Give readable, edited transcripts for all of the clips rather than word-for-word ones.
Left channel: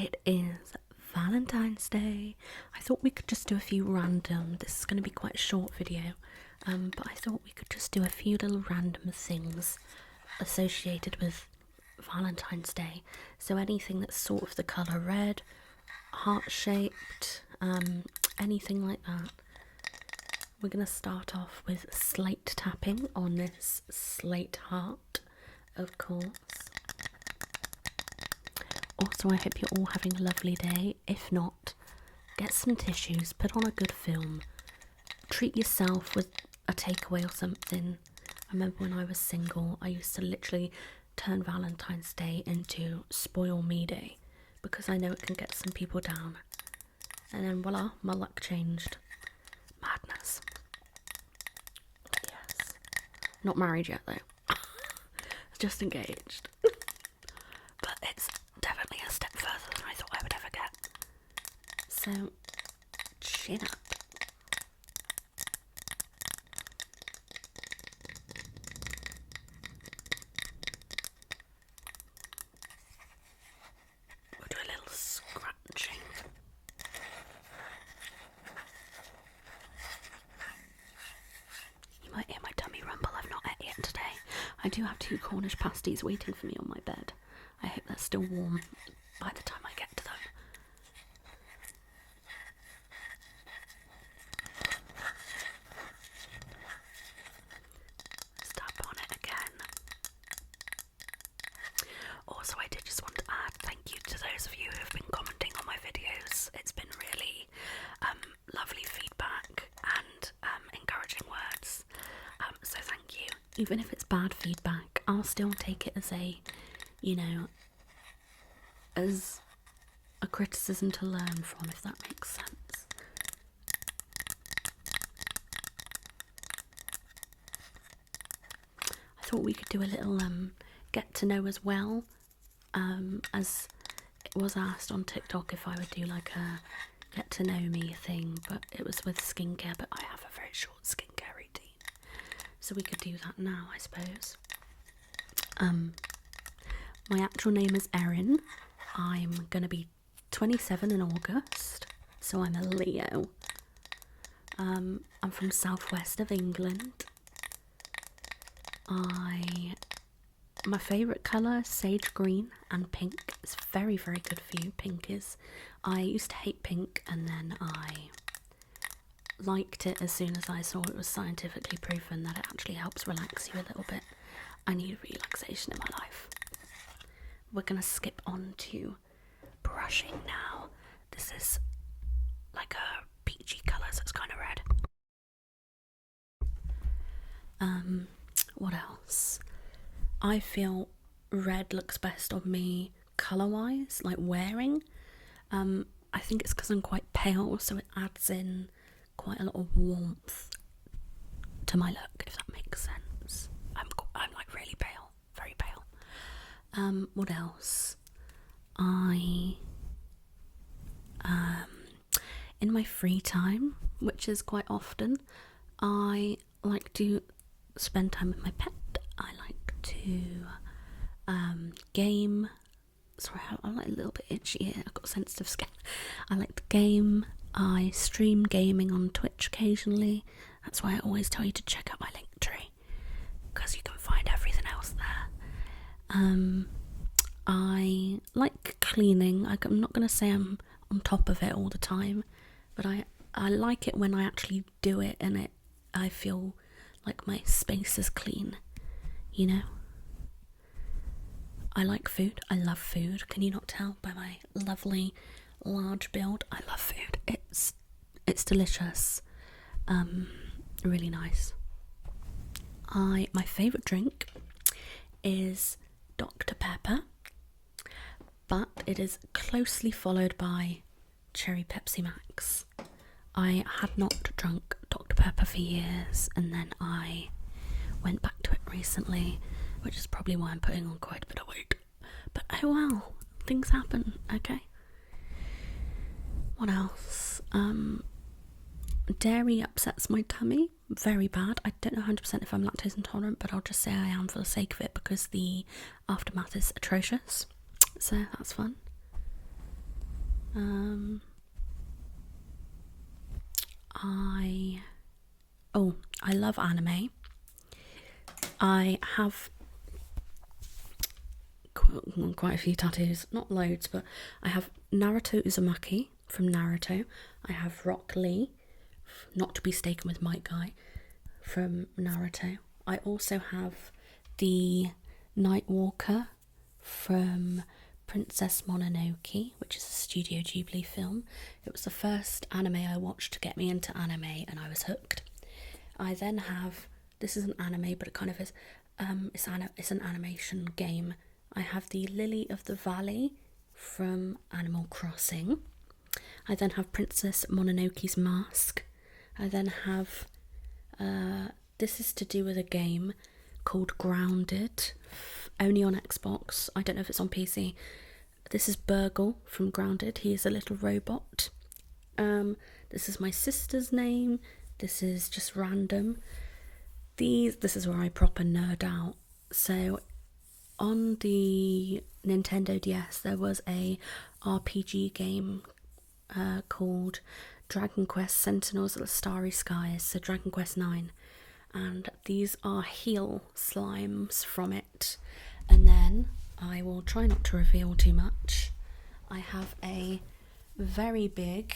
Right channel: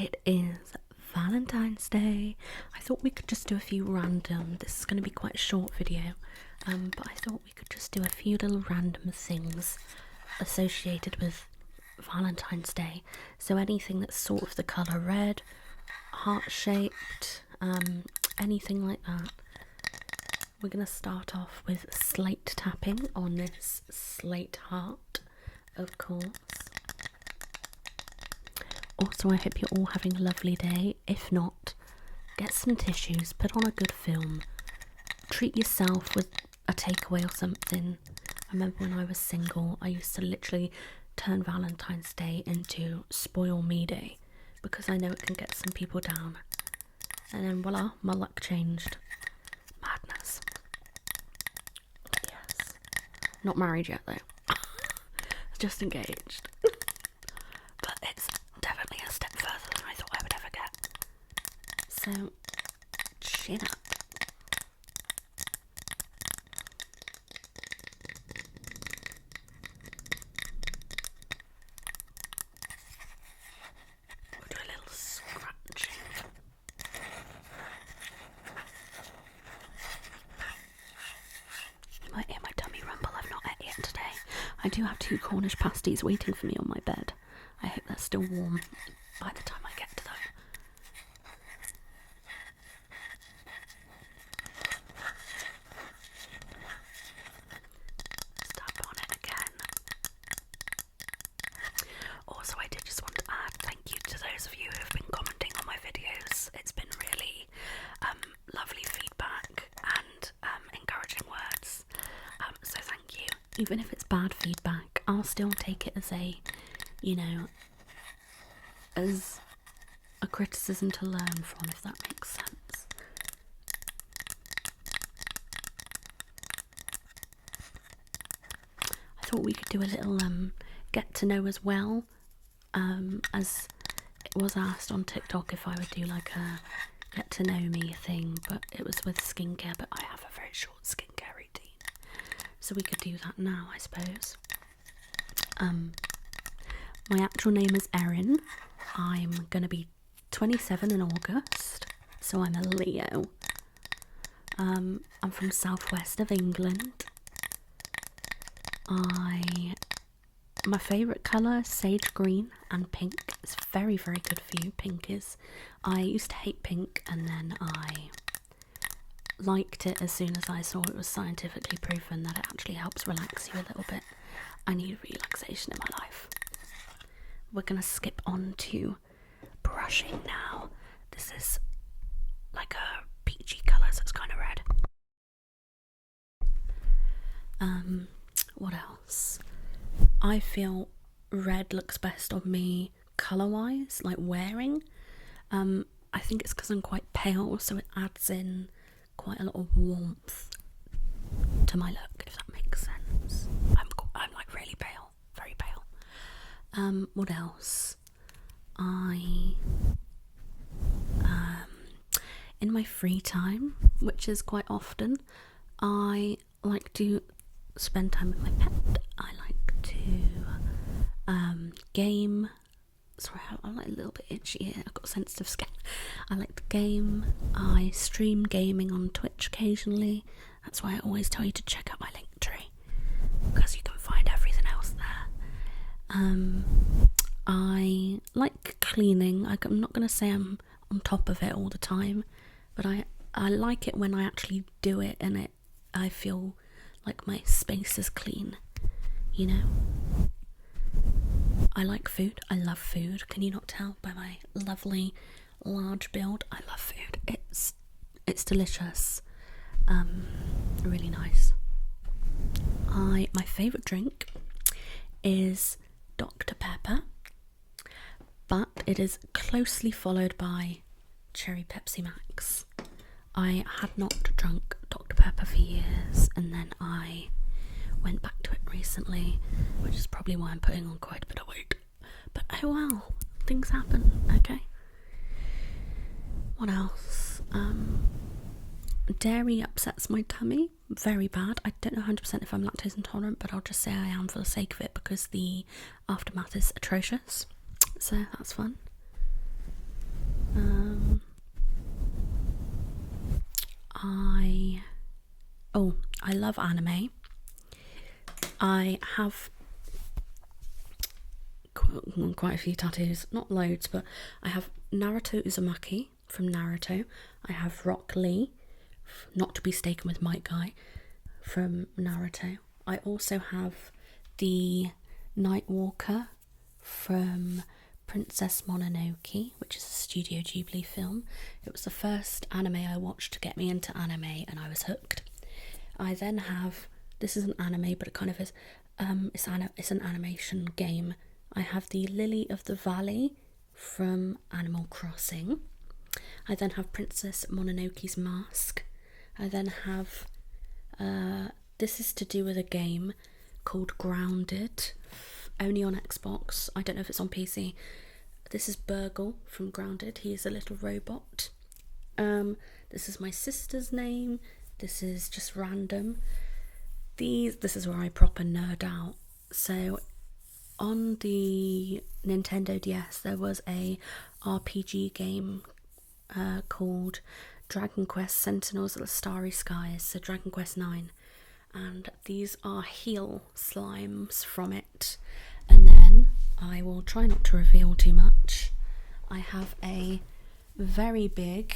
It is Valentine's Day. I thought we could just do a few random, this is going to be quite a short video, but I thought we could just do a few little random things associated with Valentine's Day. So anything that's sort of the colour red, heart-shaped, anything like that. We're going to start off with slate tapping on this slate heart, of course. Also, I hope you're all having a lovely day. If not, get some tissues, put on a good film, treat yourself with a takeaway or something. I remember when I was single, I used to literally turn Valentine's Day into Spoil Me Day, because I know it can get some people down. And then voila, my luck changed. Madness. Yes. Not married yet though. Just engaged. But it's definitely a step further than I thought I would ever get. So, chin up. We'll do a little scratching. You might hear my tummy rumble. I've not ate yet today. I do have 2 Cornish pasties waiting for me on my bed. I hope they're still warm by the time I get to them. Step on it again. Also, I did just want to add thank you to those of you who have been commenting on my videos. It's been really lovely feedback and encouraging words. So thank you. Even if it's bad feedback, I'll still take it as a, you know, as a criticism to learn from, if that makes sense. I thought we could do a little get to know as well, as it was asked on TikTok if I would do like a get to know me thing, but it was with skincare, but I have a very short skincare routine, so we could do that now, I suppose. My actual name is Erin. I'm gonna be 27 in August, so I'm a Leo. I'm from southwest of England. My favourite colour is sage green and pink. It's very, very good for you. Pink is, I used to hate pink and then I liked it as soon as I saw it was scientifically proven that it actually helps relax you a little bit. I need relaxation in my life. We're gonna skip on to brushing now. This is like a peachy colour, so it's kind of red. What else? I feel red looks best on me colour-wise, like wearing. I think it's because I'm quite pale, so it adds in quite a lot of warmth to my look, if that makes sense. I'm like really pale, very pale. What else? In my free time, which is quite often, I like to spend time with my pet. I like to game. Sorry, I'm like a little bit itchy here. I've got sensitive skin. I like to game. I stream gaming on Twitch occasionally. That's why I always tell you to check out my link tree, because you can find everything else there. I like cleaning. I'm not going to say I'm on top of it all the time, but I like it when I actually do it and I feel like my space is clean, you know? I like food. I love food. Can you not tell by my lovely large build? I love food. It's delicious. Really nice. My favourite drink is Dr. Pepper, but it is closely followed by Cherry Pepsi Max. I had not drunk Dr. Pepper for years, and then I went back to it recently, which is probably why I'm putting on quite a bit of weight. But oh well, things happen, okay? What else? Dairy upsets my tummy very bad. I don't know 100% if I'm lactose intolerant, but I'll just say I am for the sake of it, because the aftermath is atrocious. So that's fun. I love anime. I have quite a few tattoos, not loads, but I have Naruto Uzumaki from Naruto. I have Rock Lee, not to be mistaken with Might Guy, from Naruto. I also have the Nightwalker from Princess Mononoke, which is a Studio Ghibli film. It was the first anime I watched to get me into anime, and I was hooked. I then have, this is an anime, but it kind of is, it's an animation game. I have the Lily of the Valley from Animal Crossing. I then have Princess Mononoke's Mask. I then have, this is to do with a game called Grounded, only on Xbox. I don't know if it's on PC. This is Burgle from Grounded. He is a little robot. This is my sister's name. This is just random. This is where I proper nerd out. So on the Nintendo DS there was a RPG game called Dragon Quest Sentinels of the Starry Skies, so Dragon Quest 9, and these are heel slimes from it. And then I will try not to reveal too much. I have a very big,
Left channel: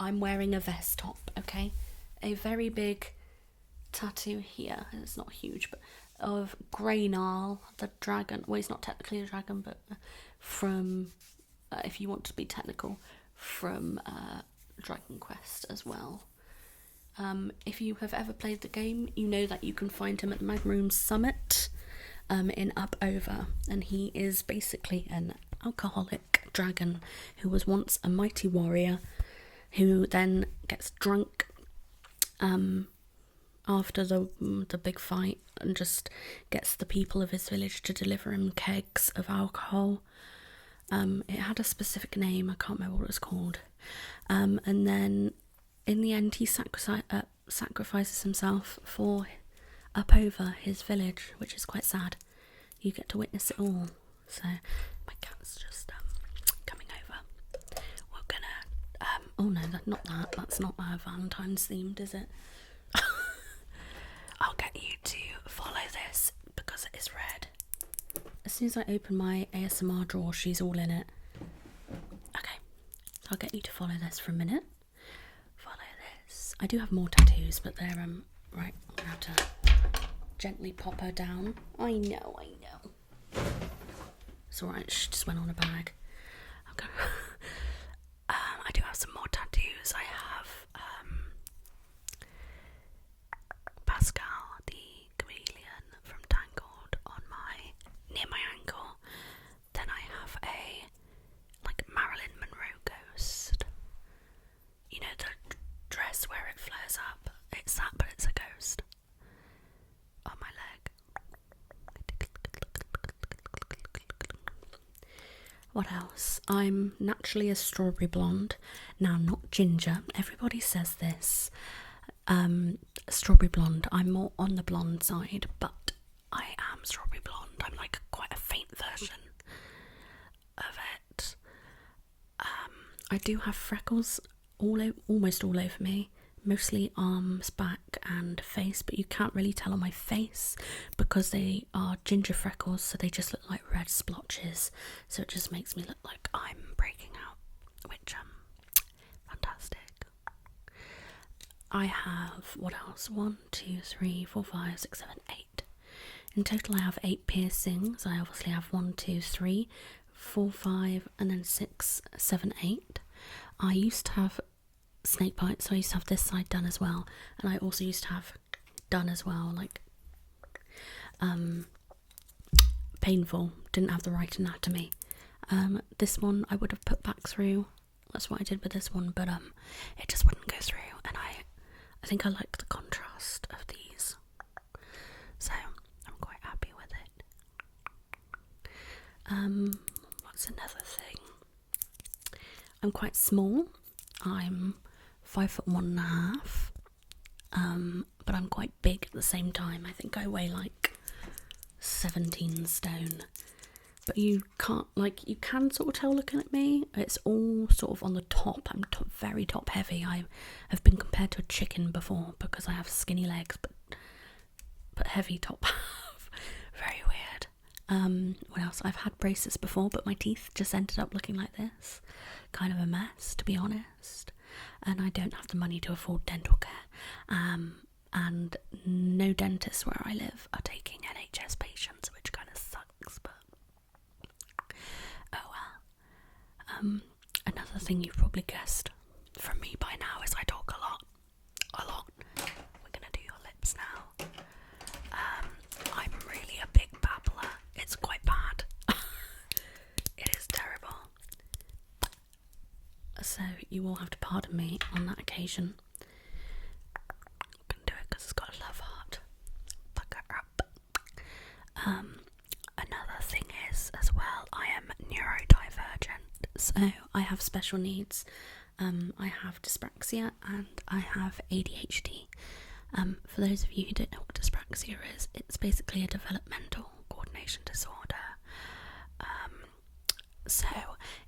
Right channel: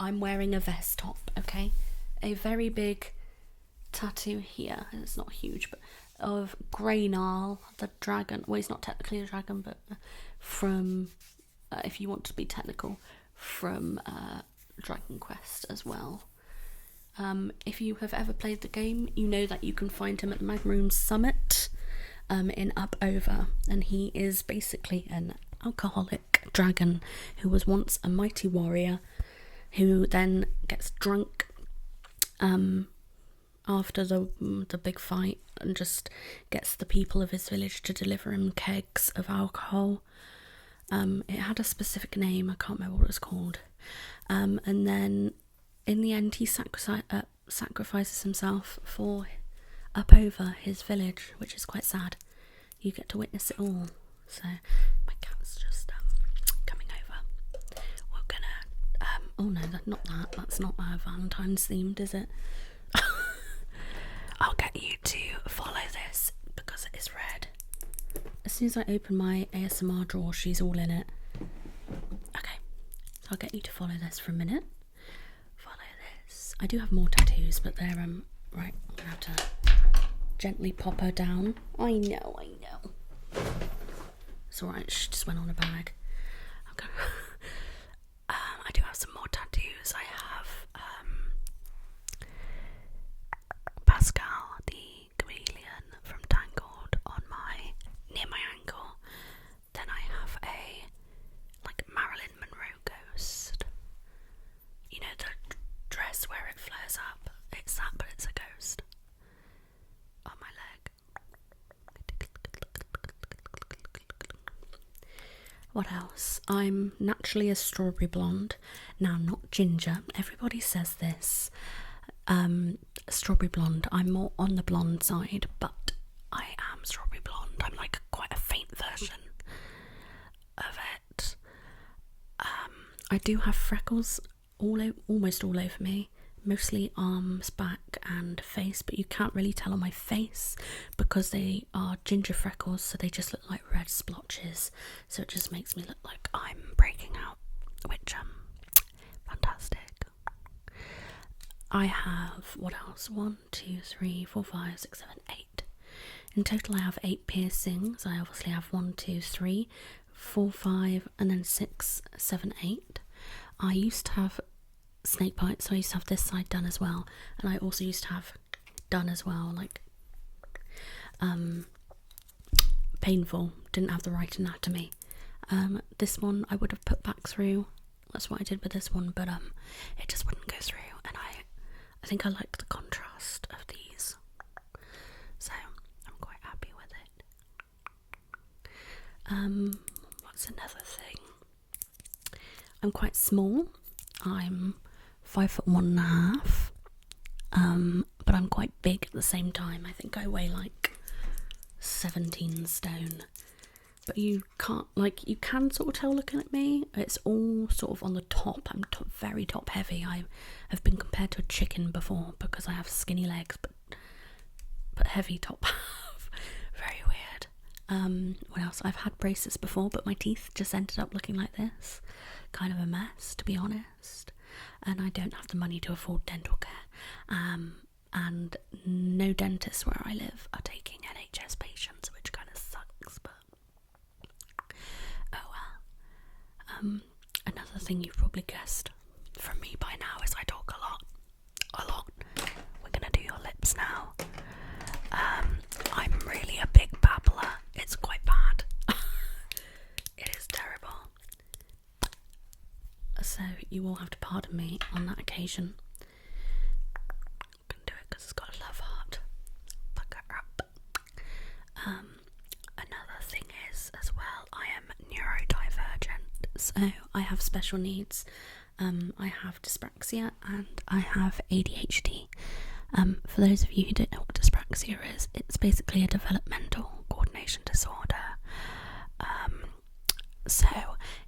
I'm wearing a vest top, okay? A very big tattoo here, and it's not huge, but of Greynarl, the dragon. Well, he's not technically a dragon, but from, if you want to be technical, from Dragon Quest as well. If you have ever played the game, you know that you can find him at the Magmoon Summit in Up-Over, and he is basically an alcoholic dragon who was once a mighty warrior who then gets drunk after the big fight and just gets the people of his village to deliver him kegs of alcohol. It had a specific name, I can't remember what it was called. And then in the end he sacrifices himself for Up-Over, his village, which is quite sad. You get to witness it all. So my cat's just coming over. We're gonna oh no, that's not Valentine's themed, is it? I'll get you to follow this because it is red. As soon as I open my ASMR drawer, she's all in it. Okay, so I'll get you to follow this for a minute. Follow this. I do have more tattoos, but they're right, I'm gonna have to gently pop her down. I know. It's alright, she just went on a bag. Okay. I do have some more tattoos. I have Pascal, the chameleon from Tangled, near my ankle. Then I have a Marilyn Monroe ghost. You know the dress where it flares up? It's that, but it's a ghost. On my leg. What else? I'm naturally a strawberry blonde. Now, not ginger. Everybody says this. Strawberry blonde. I'm more on the blonde side, but I am strawberry blonde. I'm quite a faint version of it. I do have freckles almost all over me. Mostly arms, back and face, but you can't really tell on my face because they are ginger freckles, so they just look like red splotches, so it just makes me look like I'm breaking out, which fantastic. I have, what else, 1, 2, 3, 4, 5, 6, 7, 8. In total I have 8 piercings. I obviously have 1, 2, 3, 4, 5 and then 6, 7, 8. I used to have snake bites, so I used to have this side done as well, and I also used to have done as well, painful, didn't have the right anatomy. This one I would have put back through, that's what I did with this one, but it just wouldn't go through, and I think I like the contrast of these, so I'm quite happy with it. What's another thing? I'm quite small. I'm 5'1.5", but I'm quite big at the same time. I think I weigh 17 stone. but you can't, like, you can sort of tell looking at me. It's all sort of on the top. I'm very top heavy. I have been compared to a chicken before because I have skinny legs, but heavy top half. Very weird. What else? I've had braces before, but my teeth just ended up looking like this. Kind of a mess, to be honest. And I don't have the money to afford dental care. And no dentists where I live are taking NHS patients, which kind of sucks, but oh well. Another thing you've probably guessed from me by now is I talk a lot. We're gonna do your lips now. I'm really a big babbler. It's quite bad. It is terrible. So you will have to pardon me on that occasion. I can do it because it's got a love heart. Fuck her up. Another thing is, as well, I am neurodivergent, so I have special needs. I have dyspraxia and I have ADHD. For those of you who don't know what dyspraxia is, it's basically a developmental coordination disorder. So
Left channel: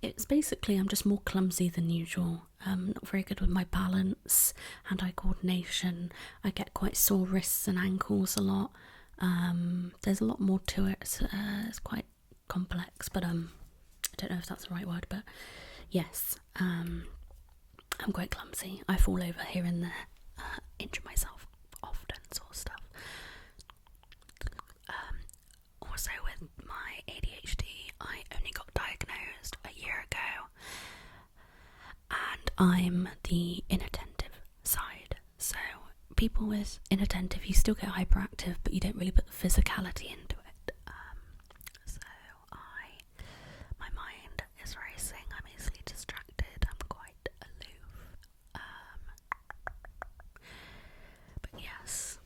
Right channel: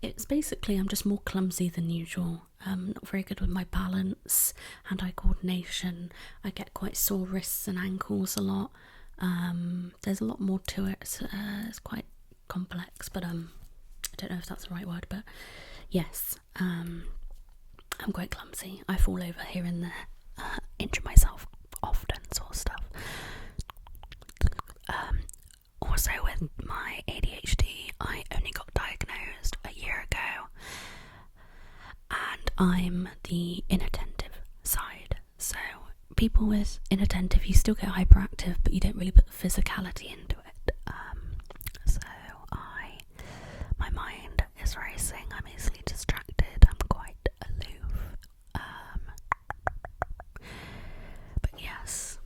it's basically I'm just more clumsy than usual. Not very good with my balance, hand-eye coordination. I get quite sore wrists and ankles a lot. There's a lot more to it. It's quite complex, but I don't know if that's the right word, but yes, I'm quite clumsy. I fall over here and there, injure myself often, sort of stuff. Also with my ADHD, I only got diagnosed a year ago, and I'm the inattentive side. So people with inattentive, you still get hyperactive, but you don't really put the physicality into it. So my mind is racing. I'm easily distracted. I'm quite aloof. But yes.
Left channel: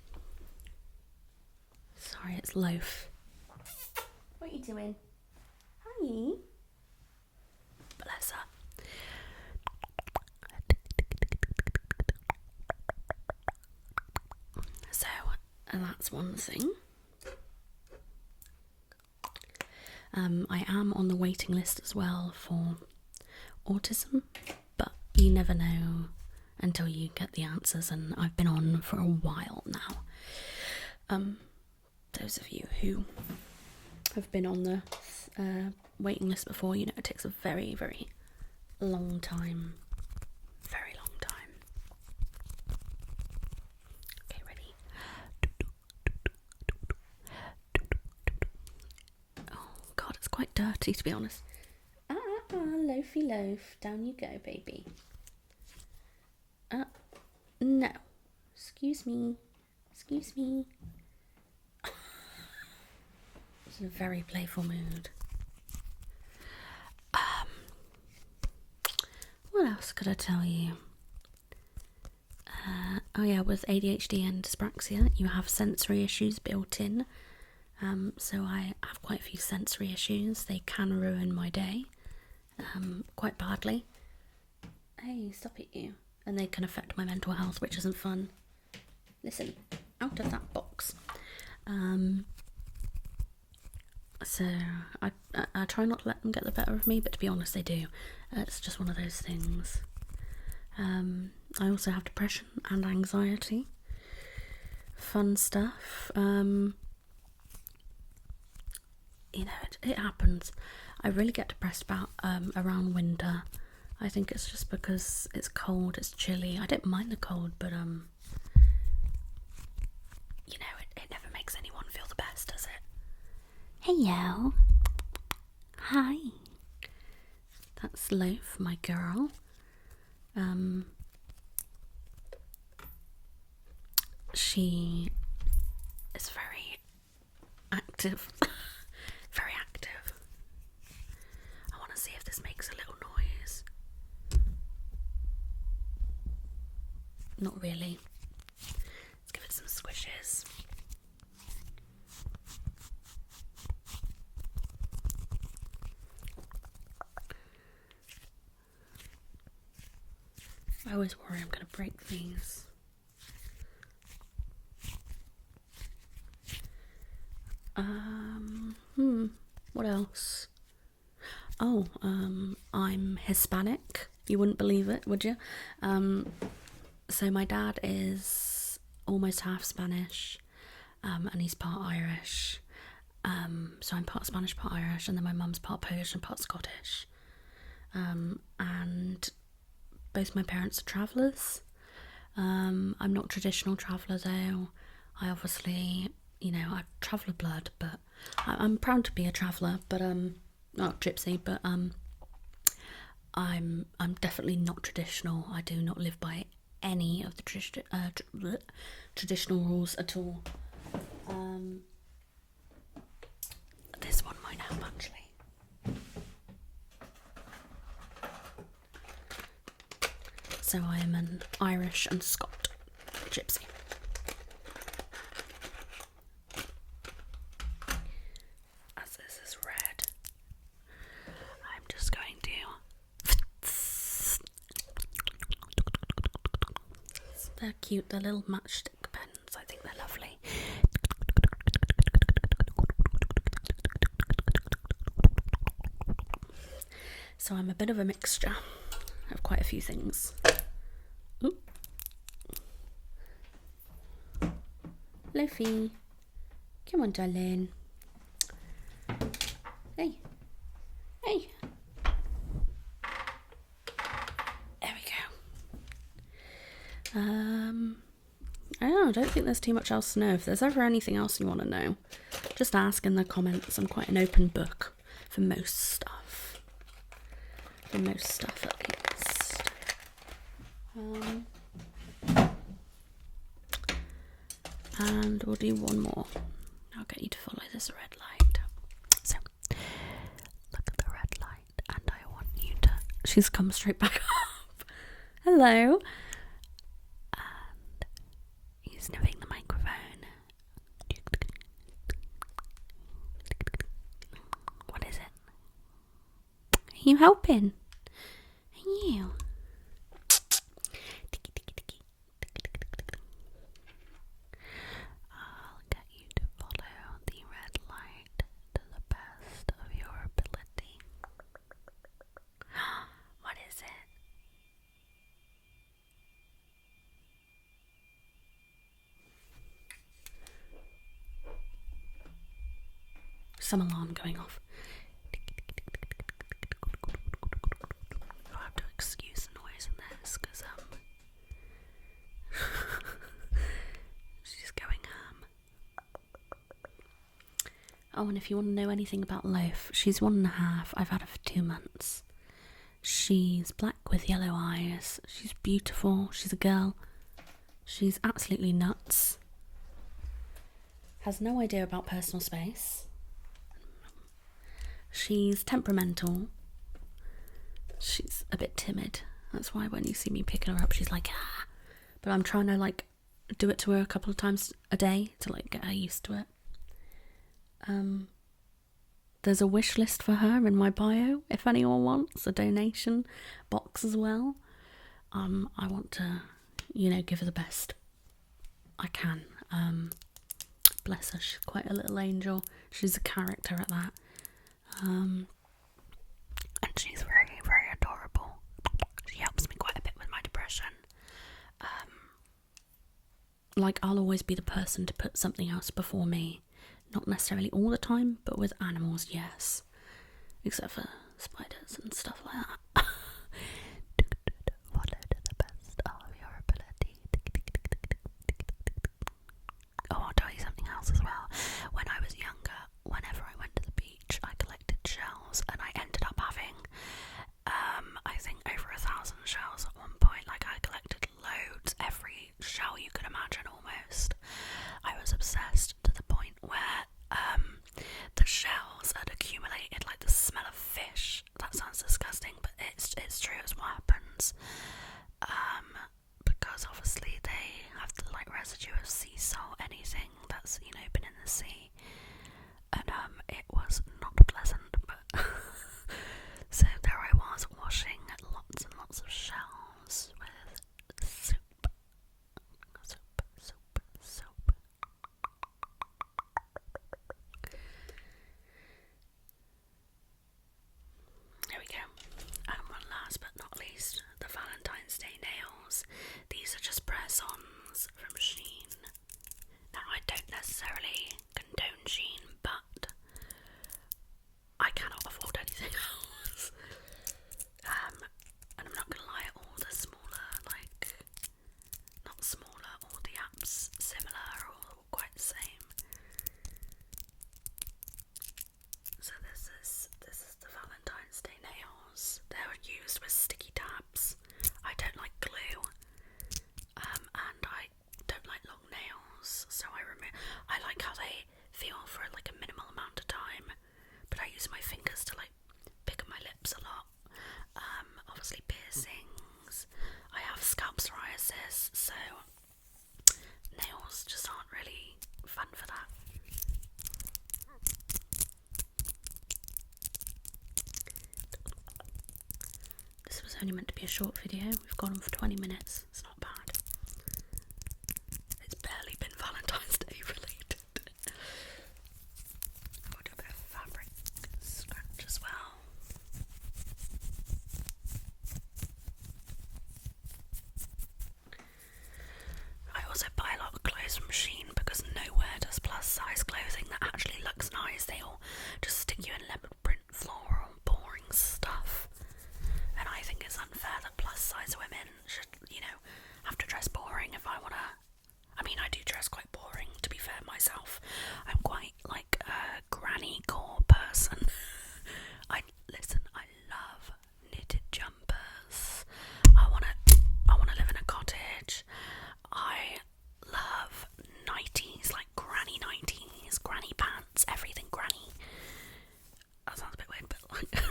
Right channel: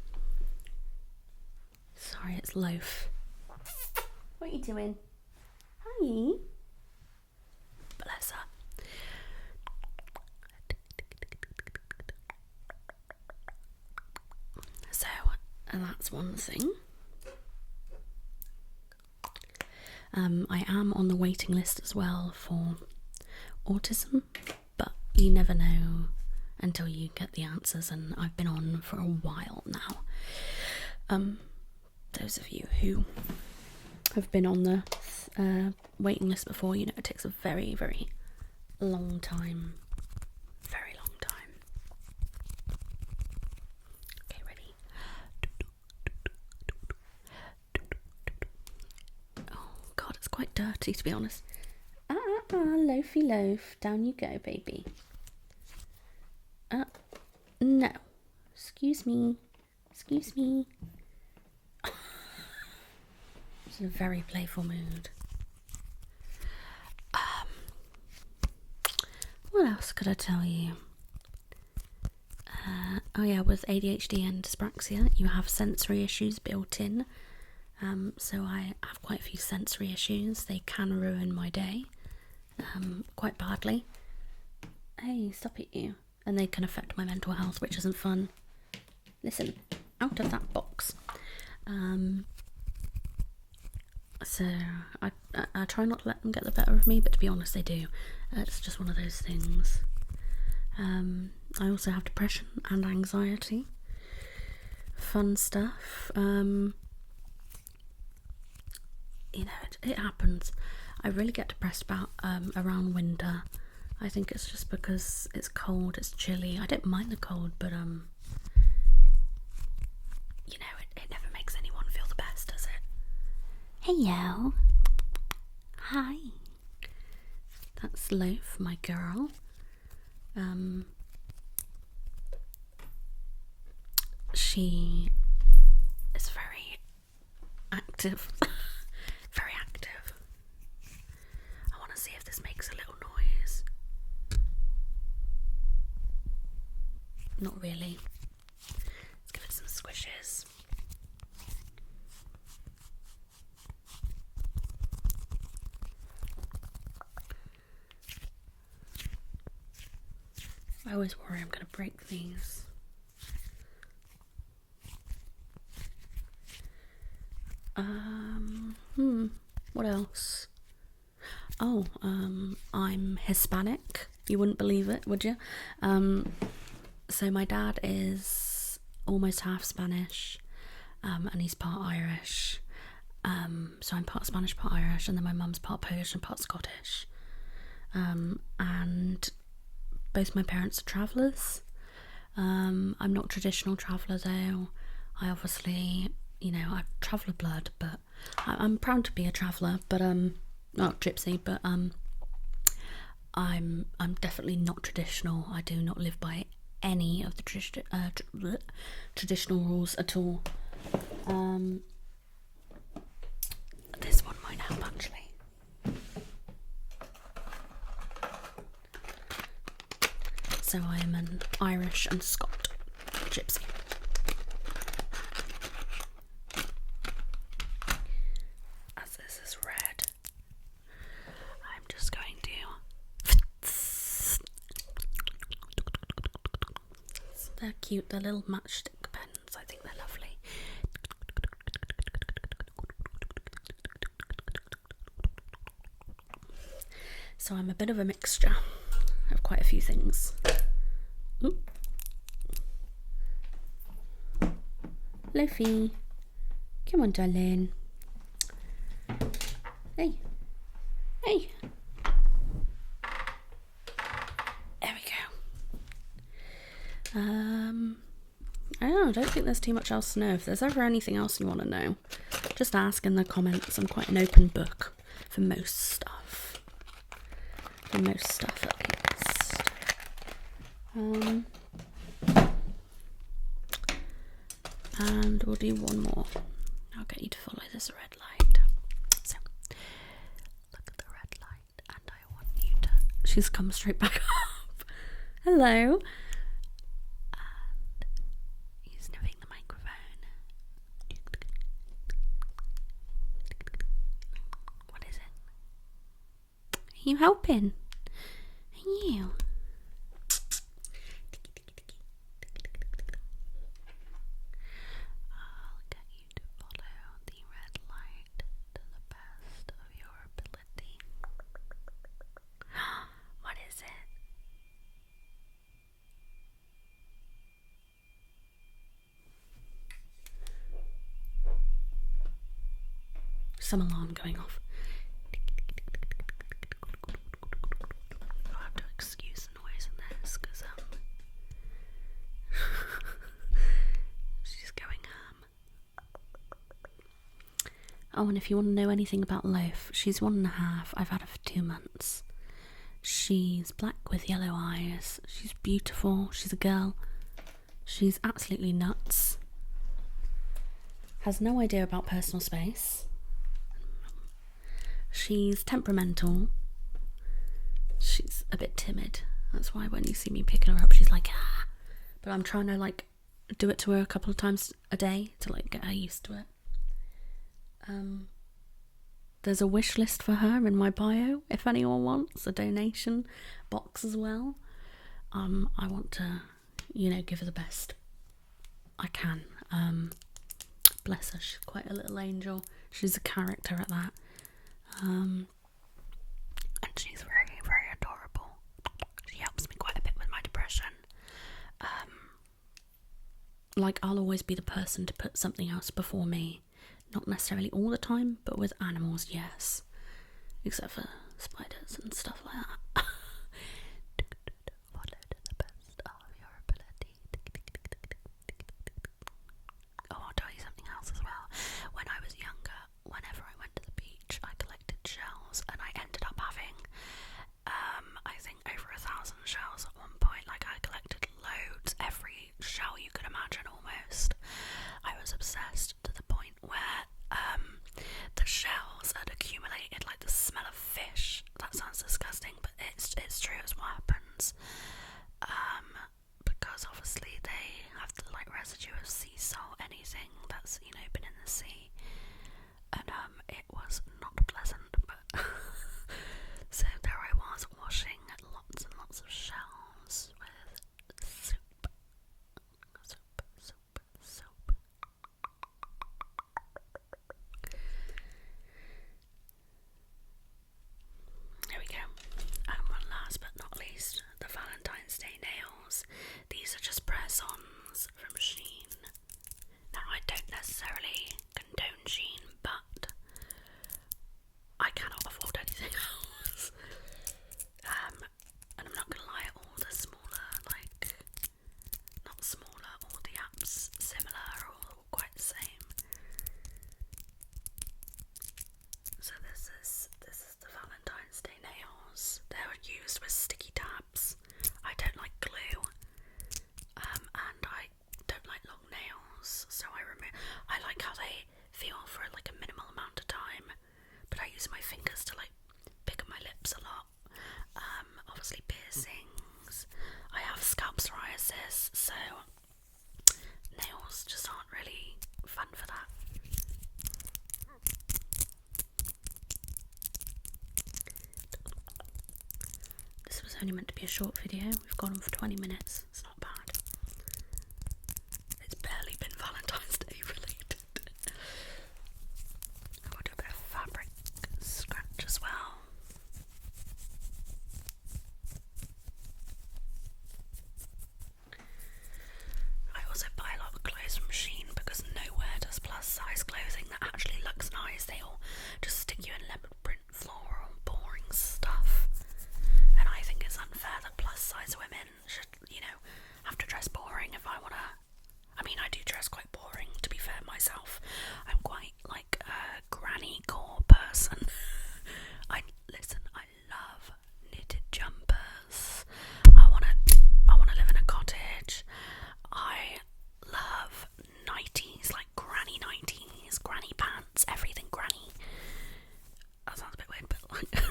Sorry, it's Loaf. What are you doing? Hi. Bless her. So, that's one thing. I am on the waiting list as well for autism, but you never know until you get the answers, and I've been on for a while now. Those of you who have been on the waiting list before, you know it takes a very, very long time. Very long time. Okay, ready? Oh god, it's quite dirty, to be honest. Loafy loaf. Down you go, baby. No. Excuse me. Excuse me. It's in a very playful mood. What else could I tell you? Oh yeah, with ADHD and dyspraxia, you have sensory issues built in. So I have quite a few sensory issues. They can ruin my day, quite badly. Hey, stop it, you. And they can affect my mental health, which isn't fun. Listen, out of that box. So I try not to let them get the better of me, but to be honest, they do. It's just one of those things. I also have depression and anxiety. Fun stuff. You know, it happens. I really get depressed about around winter. I think it's just because it's cold, it's chilly. I don't mind the cold, but you know, it never makes anyone feel the best, does it? Hello. Hi. That's Loaf, my girl. She is very active. Very active. I want to see if this makes a little noise. Not really. Let's give it some squishes. I always worry I'm going to break these. What else? I'm Hispanic. You wouldn't believe it, would you? So my dad is almost half Spanish, and he's part Irish. So I'm part Spanish, part Irish, and then my mum's part Polish and part Scottish. And both my parents are travellers. I'm not a traditional traveller though. I obviously, I traveller blood, but I'm proud to be a traveller, but not gypsy, but I'm definitely not traditional. I do not live by any of the traditional rules at all. This one might help actually. So I am an Irish and Scot gypsy. As this is red, I'm just going to. They're cute, they're little matchstick pens. I think they're lovely. So I'm a bit of a mixture of quite a few things. Ooh. Lofi, come on, darling. Hey. There we go. I don't think there's too much else to know. If there's ever anything else you want to know, just ask in the comments. I'm quite an open book for most stuff. At least. And we'll do one more. I'll get you to follow this red light. So, look at the red light, and I want you to. She's come straight back up. Hello. And he's sniffing the microphone. What is it? Are you helping? Are you? I'll get you to follow the red light to the best of your ability. What is it? Some alarm going off. I'll have to excuse the noise in this because she's going ham. Oh, and if you want to know anything about Loaf, she's 1.5. I've had her for 2 months. She's black with yellow eyes. She's beautiful. She's a girl. She's absolutely nuts. Has no idea about personal space. She's temperamental. She's a bit timid. That's why when you see me picking her up, she's like, ah. But I'm trying to do it to her a couple of times a day to get her used to it. There's a wish list for her in my bio if anyone wants a donation box as well. I want to, give her the best I can. Bless her, she's quite a little angel. She's a character at that. And she's very, very adorable. She helps me quite a bit with my depression. I'll always be the person to put something else before me. Not necessarily all the time, but with animals, yes. Except for spiders and stuff like that. Follow to the best of your ability. Oh, I'll tell you something else as well. When I was younger, whenever I went to the beach, I collected shells, and I ended up having, I think over 1,000 shells at one point. I collected loads, every shell you could imagine almost. I was obsessed to the point where the shells had accumulated the smell of fish. That sounds disgusting, but it's true, it's what happens. Because obviously they have the residue of sea salt, anything that's been in the sea, and it was not pleasant. But so there I was washing lots and lots of shells with soup. from Shein. Now, I don't necessarily condone Shein, but I cannot afford anything else. And I'm not gonna lie, all the smaller, like, not smaller, all the apps similar are all quite the same. So this is the Valentine's Day nails. They're used with sticky tabs. I don't like glue, and I don't like long nails, so I like how they feel for like a minimal amount of time, but I use my fingers to like pick up my lips a lot. Obviously piercings. I have scalp psoriasis, so nails just aren't really fun for that. This was only meant to be a short video. We've gone on for 20 minutes. It's not bad. It's barely been Valentine's Day related. I'll do a bit of fabric scratch as well. I also buy a lot of clothes from Shein because nowhere does plus size clothing that actually looks nice. They all just stick you in leopard print, floral, boring stuff. And I think it's unfair that plus size women should, have to dress boring if I wanna. I mean, I do dress quite boring, to be fair myself. I'm quite like a granny core person. I love knitted jumpers. I wanna live in a cottage. I love nighties, like granny nighties, granny pants, everything granny. That sounds a bit weird, but like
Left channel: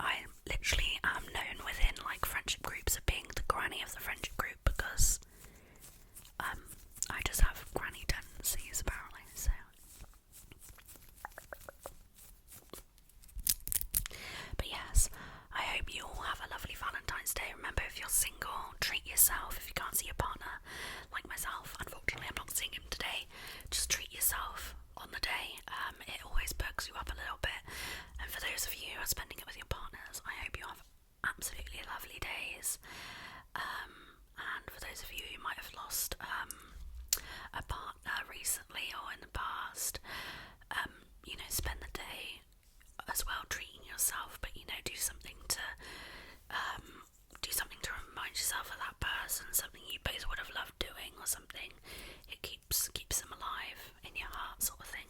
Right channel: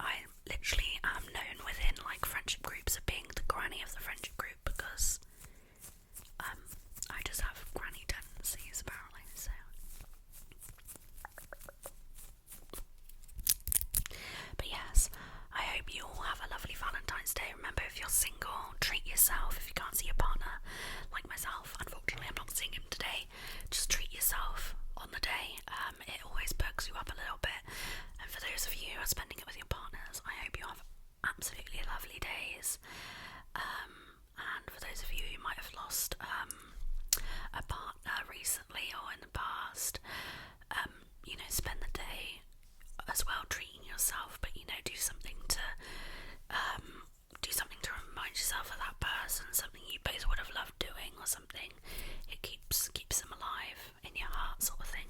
I literally am known within like friendship groups of being the granny of the friendship group because I just have granny tendencies apparently, so. But yes, I hope you all have a lovely Valentine's Day. Remember, if you're single, treat yourself. If you can't see your partner, like myself, unfortunately I'm not seeing him today, just treat yourself on the day. It always perks you up a little bit. And for those of you who are spending it with your partners, I hope you have absolutely lovely days. And for those of you who might have lost a partner recently or in the past, spend the day as well treating yourself, but do something to remind yourself of that person, something you both would have loved doing or something. It keeps them alive in your heart, sort of thing.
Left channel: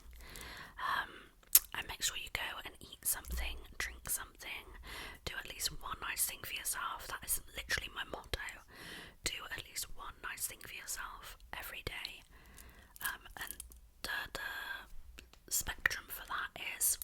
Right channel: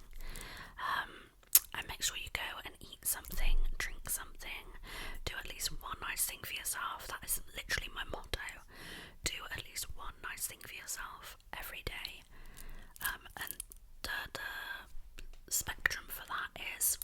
And make sure you go and eat something, drink something, do at least one nice thing for yourself. That is literally my motto. Do at least one nice thing for yourself every day. And the spectrum for that is